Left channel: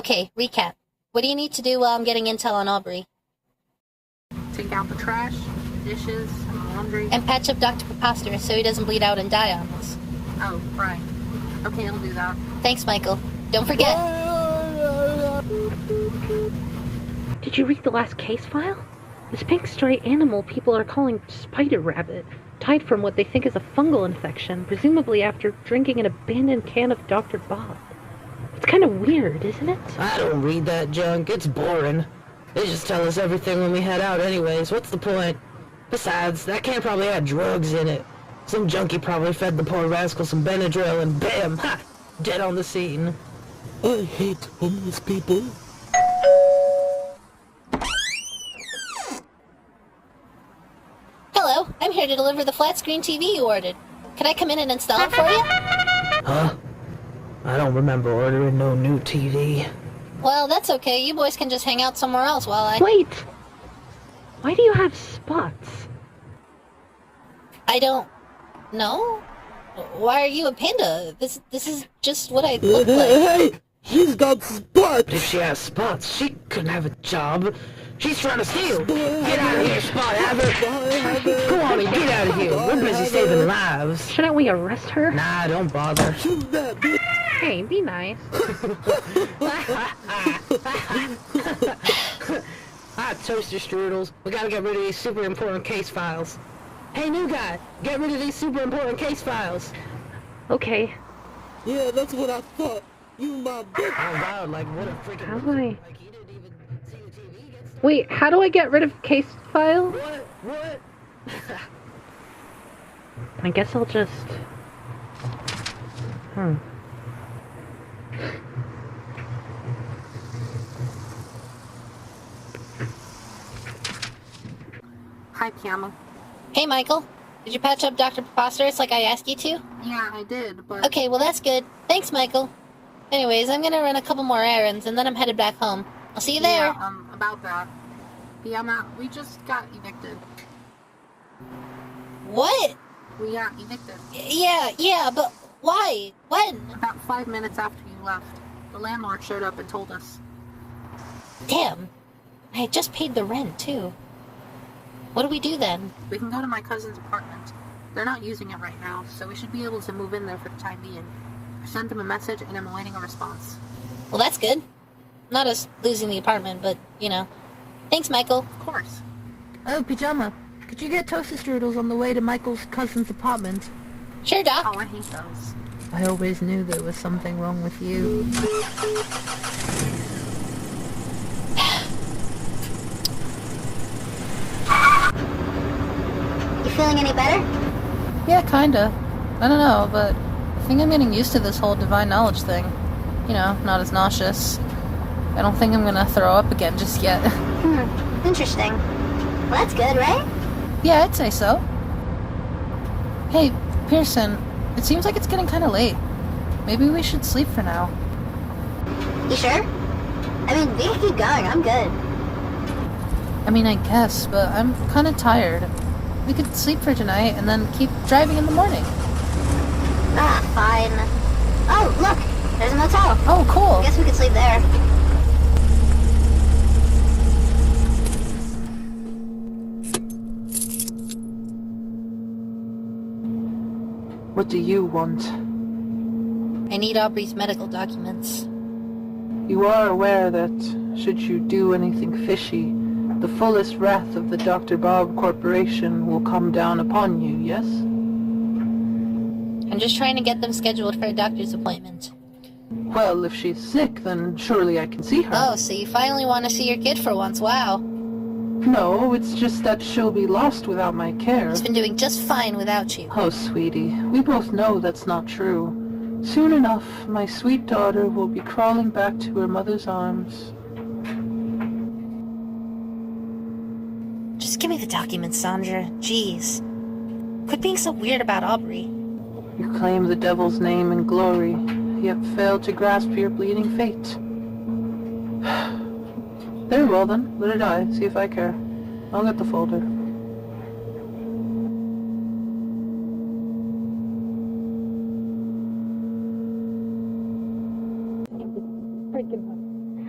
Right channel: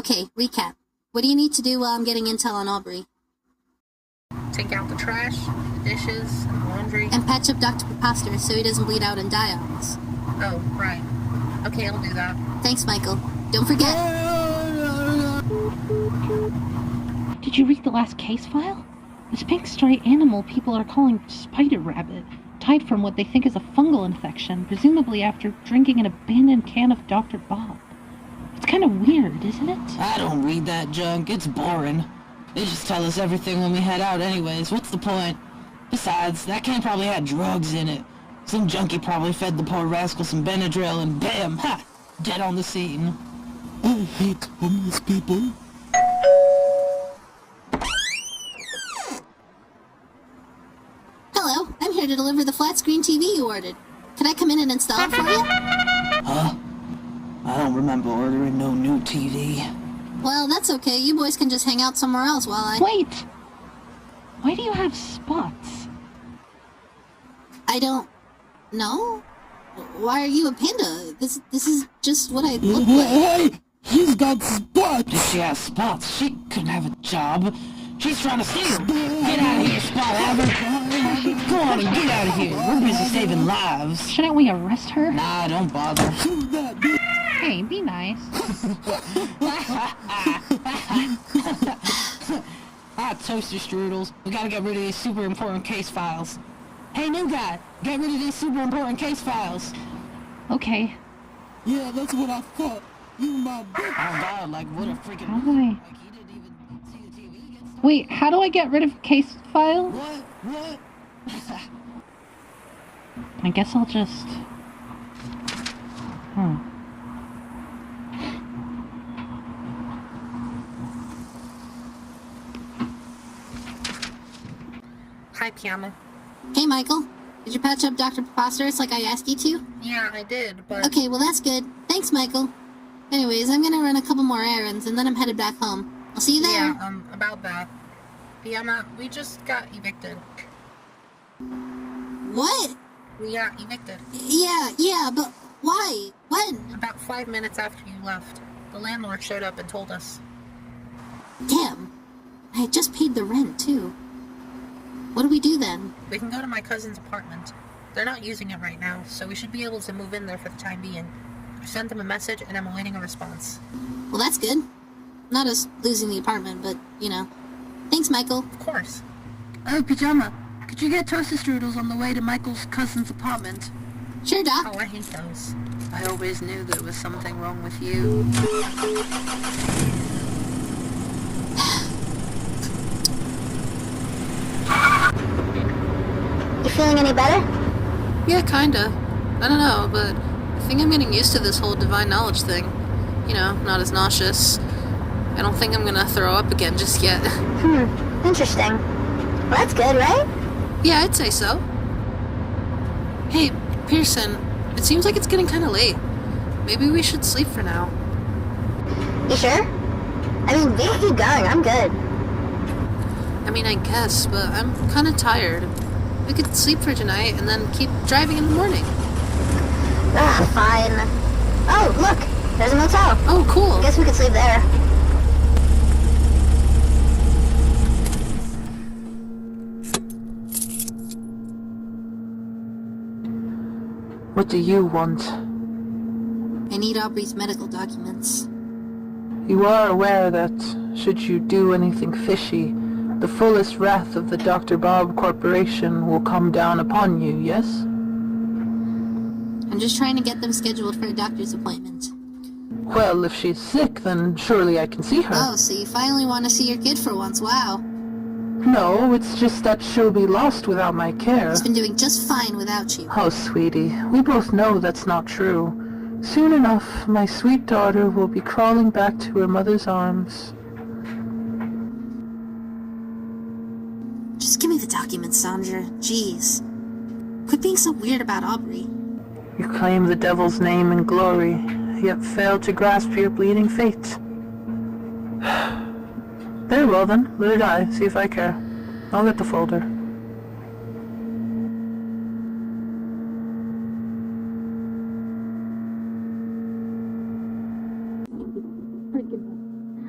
Okay, recap. What do you need to do while I'm getting intel on Aubrey? Take out the trash, dishes, and laundry. And patch up Dr. Preposterous so he doesn't bleed out and die on us. Oh, right. Okay, I'll do that. Thanks, Michael. Don't forget. Did you read the last case file? This pink stray animal people are calling spider rabbit died from what they think is a fungal infection, presumably after drinking an abandoned can of Dr. Bob. It's kind of weird, isn't it? I don't read that junk. It's boring. They just tell us everything when we head out anyways. What's the point? Besides, that can probably had drugs in it. Some junkie probably fed the poor rascal some Benadryl and bam! Ha! Dead on the scene. I hate homeless people. Hello, I'm here to deliver the flat screen TV you ordered. Can I come in and install it for you? Huh? I don't remember ordering no new TV. Well, that's okay. You boys can just hang out somewhere else while I... Wait! Why do you have spots? I don't know. Why are you a panda? This is just what I look like. Hey! She's got spots! If she has spots, she couldn't have a job. She's trying to steal. Get out of here, Spot Haver. Go on and get out of here. We're busy saving lives. Shouldn't we arrest her? Nah, don't bother. Shoot that bitch! Hey, be nice. Toaster strudels. We gotta get rid of these super important case files. Hey, new guy, get rid of these super important case files. Okay. Yeah, that's what I thought. You my bitch. Oh god, like what a freaking... How do I... Like he didn't even see the TV get started. Wait, how do I get rid of case file? What? I guess I'll just... Hi, Piano. Hey, Michael. Did you patch up Dr. Preposterous like I asked you to? Yeah, I did, but... Okay, well that's good. Thanks, Michael. Anyways, I'm gonna run a couple more errands and then I'm headed back home. I'll see you there. Yeah, about that. Piano, we just got evicted. What? We got evicted. Yeah, but why? When? About 5 minutes after you left. The landlord showed up and told us. Damn. I had just paid the rent, too. What do we do then? We can go to my cousin's apartment. They're not using it right now, so we should be able to move in there for the time being. I sent them a message and I'm awaiting a response. Well, that's good. Not us losing the apartment, but, you know. Thanks, Michael. Of course. Hey, Pajama, could you get toaster strudels on the way to Michael's cousin's apartment? Sure, Doc. Oh, I hate those. I always knew there was something wrong with you. You feeling any better? Yeah, kinda. I don't know, but I think I'm getting used to this whole divine knowledge thing. You know, not as nauseous. I don't think I'm gonna throw up again just yet. Interesting. Well, that's good, right? Yeah, I'd say so. Hey, Pearson, it seems like it's getting kinda late. Maybe we should sleep for now. You sure? I mean, we can keep going. I'm good. I mean, I guess, but I'm kinda tired. We could sleep for tonight and then keep driving in the morning. Fine. Oh, look! There's a motel. Oh, cool. I guess we could sleep there. What do you want? I need Aubrey's medical documents. You are aware that, should you do anything fishy, the fullest wrath of the Dr. Bob Corporation will come down upon you, yes? I'm just trying to get them scheduled for a doctor's appointment. Well, if she's sick, then surely I can see her. Oh, so you finally want to see your kid for once. Wow. No, it's just that she'll be lost without my care. He's been doing just fine without you. Oh, sweetie, we both know that's not true. Soon enough, my sweet daughter will be crawling back to her mother's arms. Just give me the documents, Sandra. Jeez. Quit being so weird about Aubrey. You claim the devil's name and glory, yet fail to grasp your bleeding fate. Very well then, let her die, see if I care. I'll get the folder. Freaking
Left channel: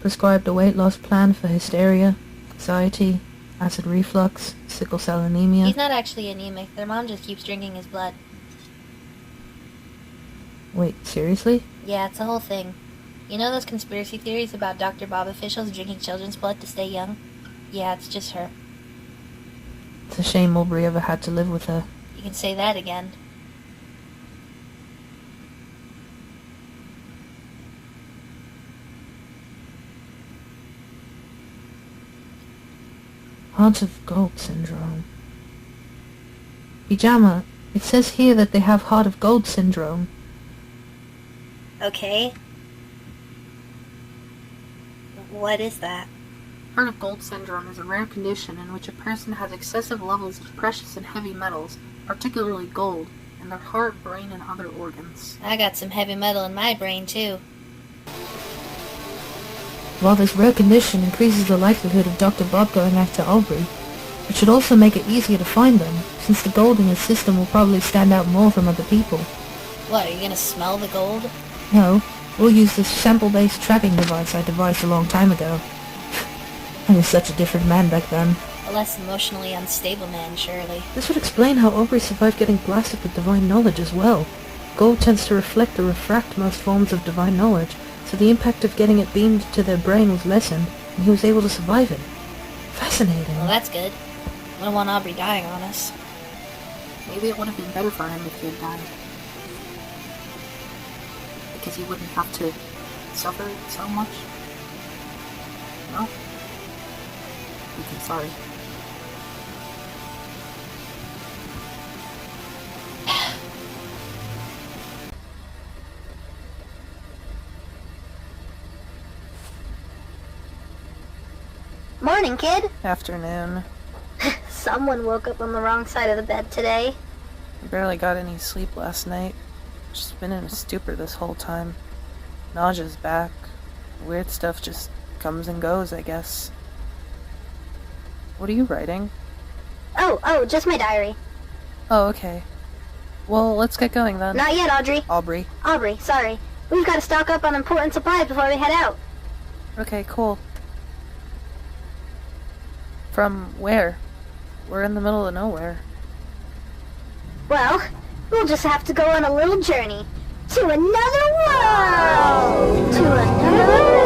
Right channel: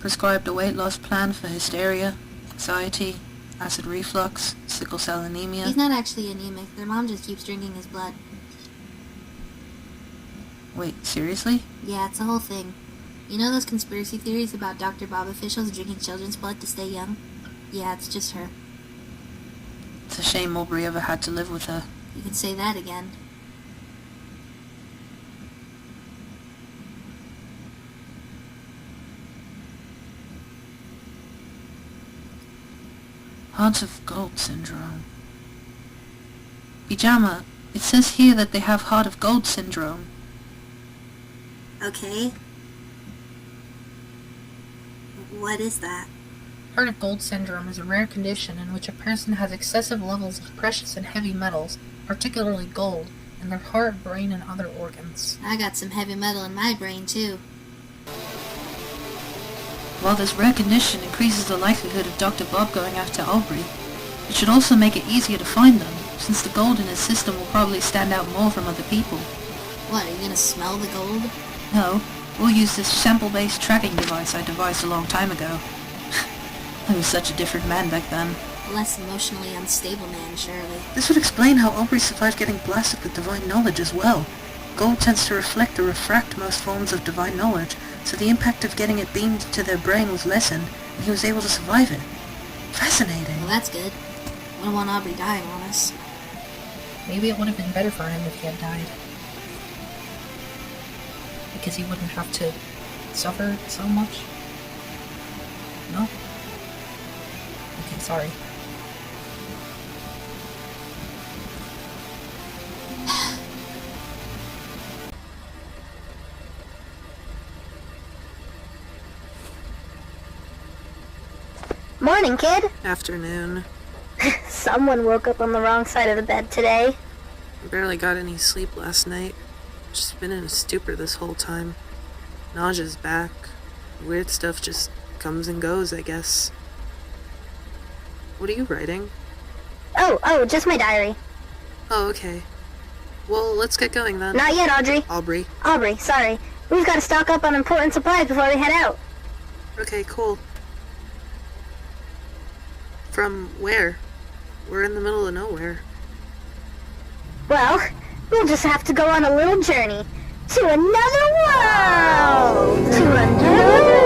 Prescribed a weight loss plan for hysteria, anxiety, acid reflux, sickle cell anemia. He's not actually anemic. Their mom just keeps drinking his blood. Wait, seriously? Yeah, it's a whole thing. You know those conspiracy theories about Dr. Bob officials drinking children's blood to stay young? Yeah, it's just her. It's a shame Aubrey ever had to live with her. You can say that again. Heart of Gold syndrome. Pajama, it says here that they have Heart of Gold syndrome. Okay. What is that? Heart of Gold syndrome is a rare condition in which a person has excessive levels of precious and heavy metals, particularly gold, in their heart, brain, and other organs. I got some heavy metal in my brain, too. While this rare condition increases the likelihood of Dr. Bob going after Aubrey, it should also make it easier to find them, since the gold in his system will probably stand out more from other people. What, are you gonna smell the gold? No, we'll use this sample-based tracking device I devised a long time ago. I was such a different man back then. A less emotionally unstable man, surely. This would explain how Aubrey survived getting blasted with divine knowledge as well. Gold tends to reflect or refract most forms of divine knowledge, so the impact of getting it beamed to their brain was lessened, and he was able to survive it. Fascinating. Well, that's good. Wouldn't want Aubrey dying on us. Maybe it would have been better for him if he had died. Because he wouldn't have to suffer so much. No? Okay, sorry. Morning, kid. Afternoon. Someone woke up on the wrong side of the bed today. Barely got any sleep last night. Just been in a stupor this whole time. Nausea's back. Weird stuff just comes and goes, I guess. What are you writing? Oh, just my diary. Oh, okay. Well, let's get going then. Not yet, Audrey. Aubrey. Sorry. We've got to stock up on important supplies before we head out. Okay, cool. From where? We're in the middle of nowhere. Well, we'll just have to go on a little journey to another world! To another world!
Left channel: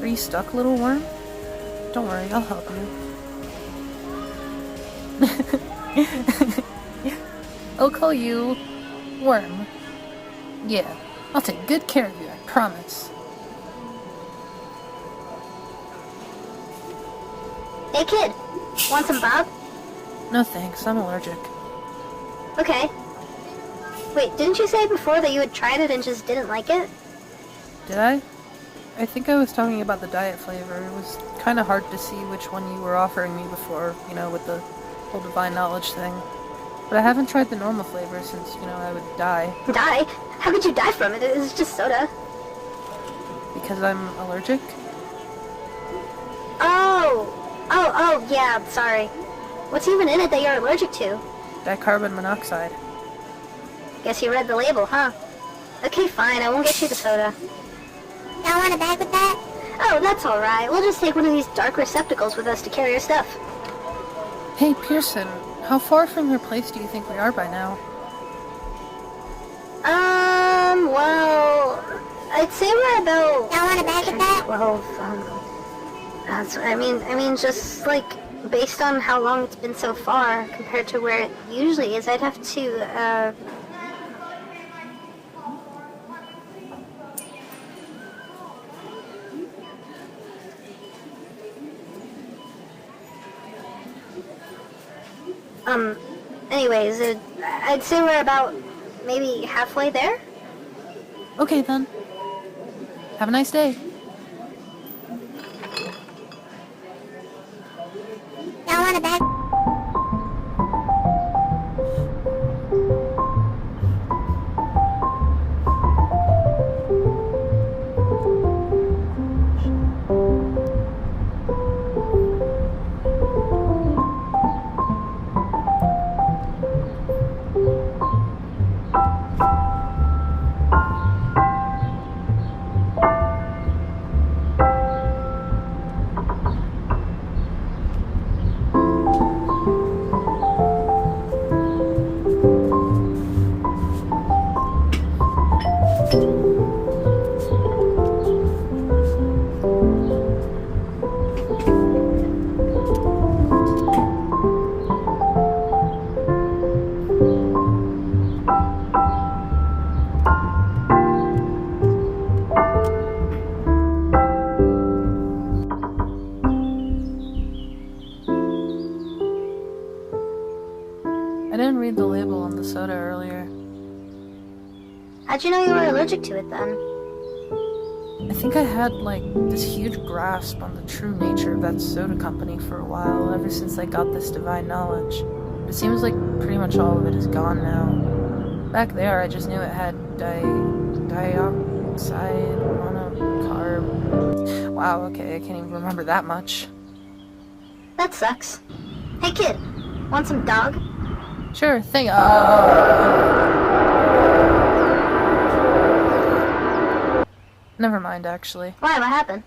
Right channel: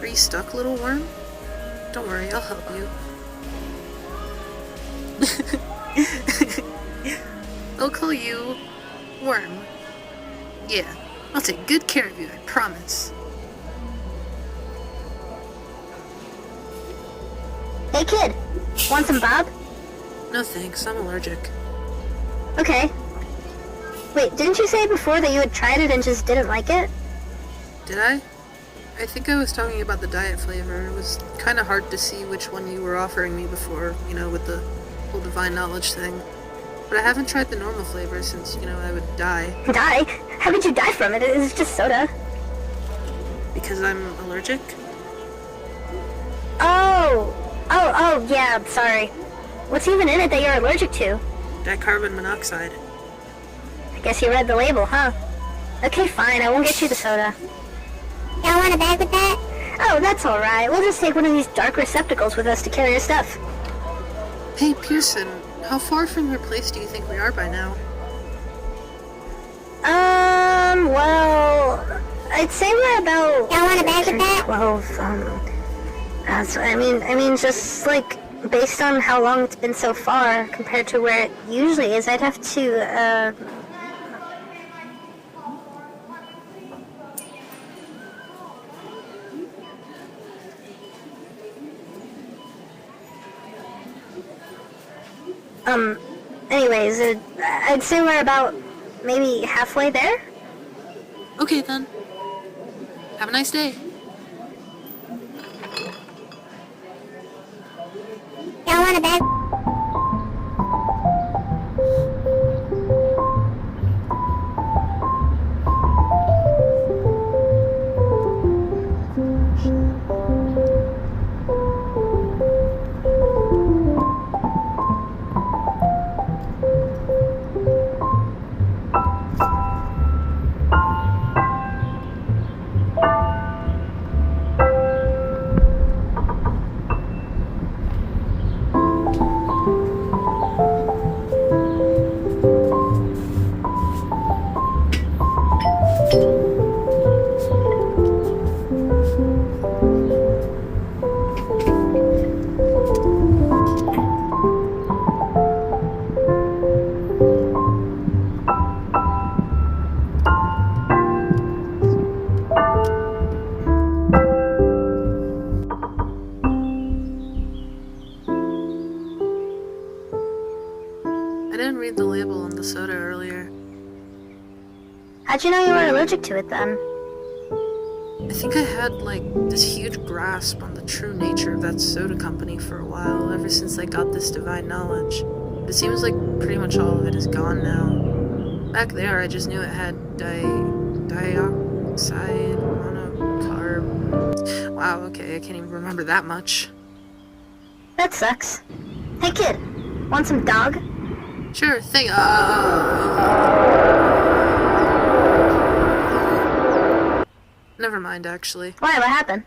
Are you stuck, little worm? Don't worry, I'll help you. I'll call you Worm. Yeah, I'll take good care of you, I promise. Hey, kid. Want some Bob? No thanks, I'm allergic. Okay. Wait, didn't you say before that you had tried it and just didn't like it? Did I? I think I was talking about the diet flavor. It was kind of hard to see which one you were offering me before, with the whole divine knowledge thing. But I haven't tried the normal flavor since, I would die. Die? How could you die from it? It was just soda. Because I'm allergic? Oh, yeah, I'm sorry. What's even in it that you're allergic to? Dicarbon monoxide. I guess you read the label, huh? Okay, fine, I won't get you the soda. Y'all want a bag with that? Oh, that's alright. We'll just take one of these dark receptacles with us to carry our stuff. Hey, Pearson, how far from your place do you think we are by now? Well, I'd say we're about... Y'all wanna back at that? 12, I mean, just, like, based on how long it's been so far, compared to where it usually is, I'd have to, anyways, I'd say we're about maybe halfway there. Okay, then. Have a nice day. Y'all wanna back? I didn't read the label on the soda earlier. How'd you know you were allergic to it then? I think I had, like, this huge grasp on the true nature of that soda company for a while, ever since I got this divine knowledge. But it seems like pretty much all of it is gone now. Back there, I just knew it had dioxide, monocarb... Wow, okay, I can't even remember that much. That sucks. Hey kid, want some dog? Sure thing. Never mind, actually. Why, what happened?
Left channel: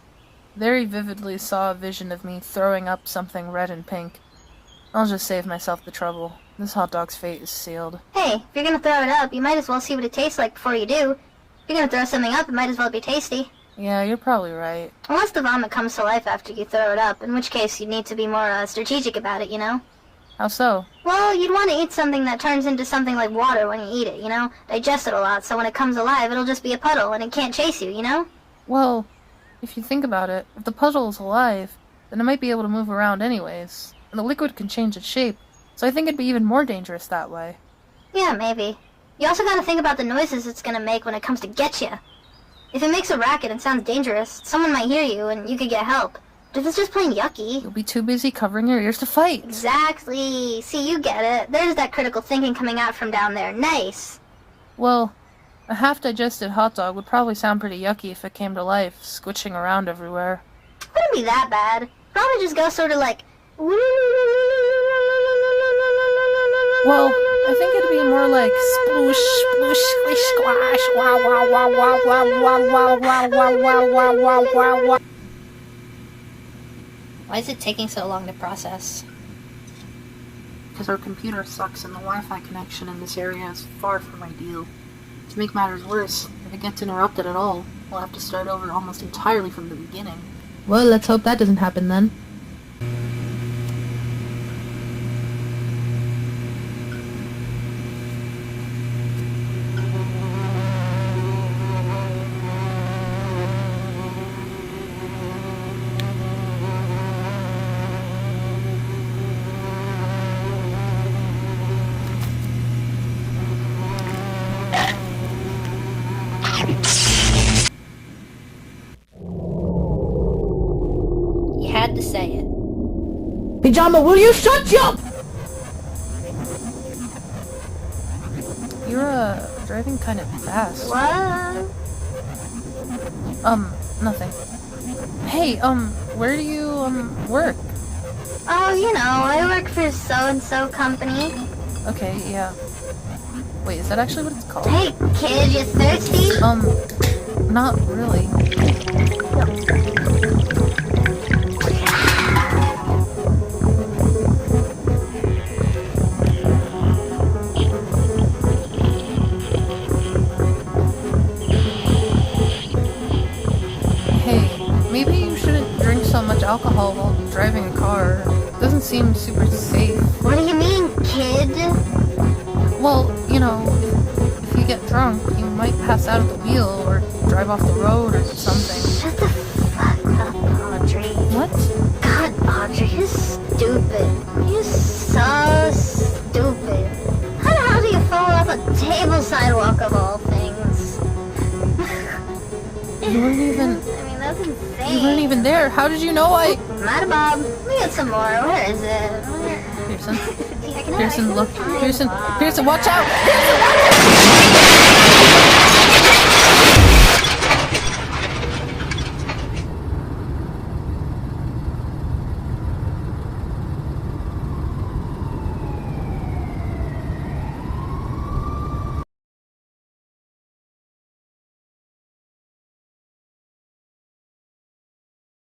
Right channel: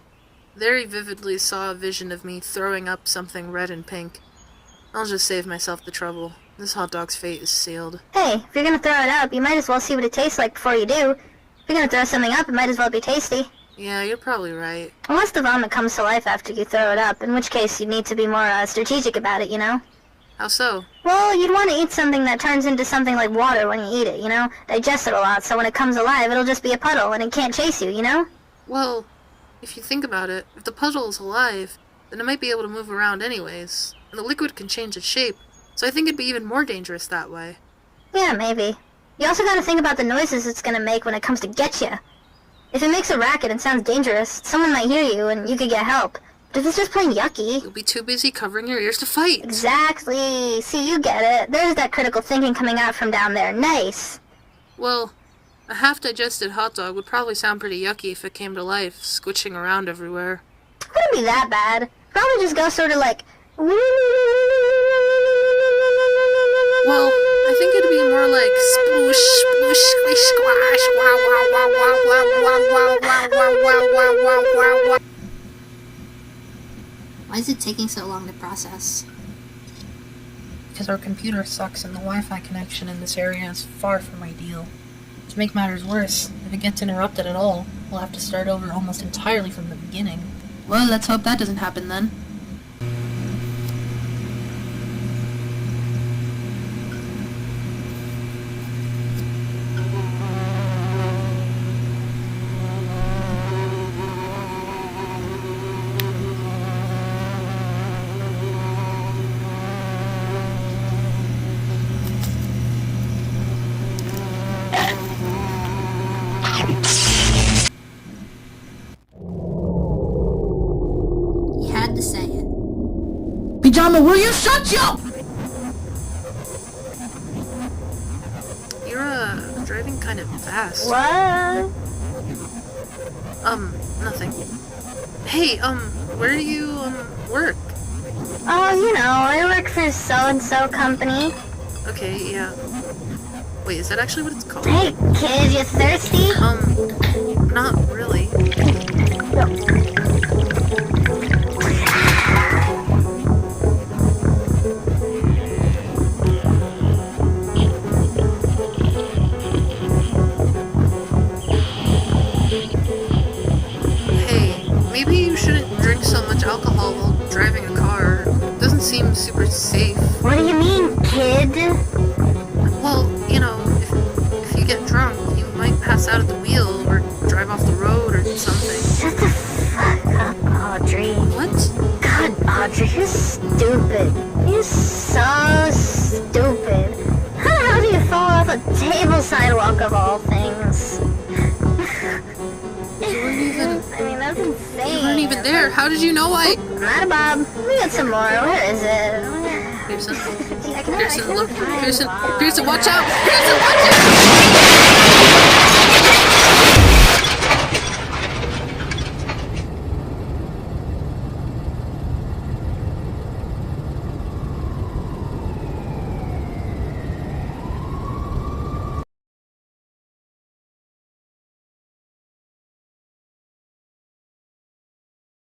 Very vividly saw a vision of me throwing up something red and pink. I'll just save myself the trouble. This hot dog's fate is sealed. Hey, if you're gonna throw it up, you might as well see what it tastes like before you do. If you're gonna throw something up, it might as well be tasty. Yeah, you're probably right. Unless the vomit comes to life after you throw it up, in which case you need to be more strategic about it, you know? How so? Well, you'd want to eat something that turns into something like water when you eat it, you know? Digest it a lot, so when it comes alive, it'll just be a puddle and it can't chase you, you know? Well, if you think about it, if the puddle is alive, then it might be able to move around anyways, and the liquid can change its shape, so I think it'd be even more dangerous that way. Yeah, maybe. You also gotta think about the noises it's gonna make when it comes to get you. If it makes a racket and sounds dangerous, someone might hear you and you could get help. But if it's just plain yucky... You'll be too busy covering your ears to fight. Exactly. See, you get it. There's that critical thinking coming out from down there. Nice. Well, a half-digested hot dog would probably sound pretty yucky if it came to life, squishing around everywhere. It wouldn't be that bad. Probably just go sort of like... Well, I think it'd be more like sploosh, sploosh, squish, squash, wow, wow, wow, wow, wow, wow, wow, wow, wow, wow, wow, wow, wow, wow. Why is it taking so long to process? Because our computer sucks and the Wi-Fi connection in this area is far from ideal. To make matters worse, if it gets interrupted at all, we'll have to start over almost entirely from the beginning. Well, let's hope that doesn't happen then. You had to say it. Pajama, will you shut your... You're, driving kind of fast. What? Nothing. Hey, where do you, work? Oh, you know, I work for so-and-so company. Okay, yeah. Wait, is that actually what it's called? Hey, kid, you thirsty? Not really. seem super safe. What do you mean, kid? Well, you know, if you get drunk, you might pass out at the wheel or drive off the road or something. Shut the fuck up, Audrey. What? God, Audrey, you're stupid. You're so stupid. How the hell do you fall off a table sidewalk of all things? You weren't even... I mean, that's insane. You weren't even there. How did you know I... Matter, Bob. Let me get some more. Where is it? Pearson? Yeah, I can Pearson, I can look. find Pearson, one. Pearson, watch out! Pearson, watch out!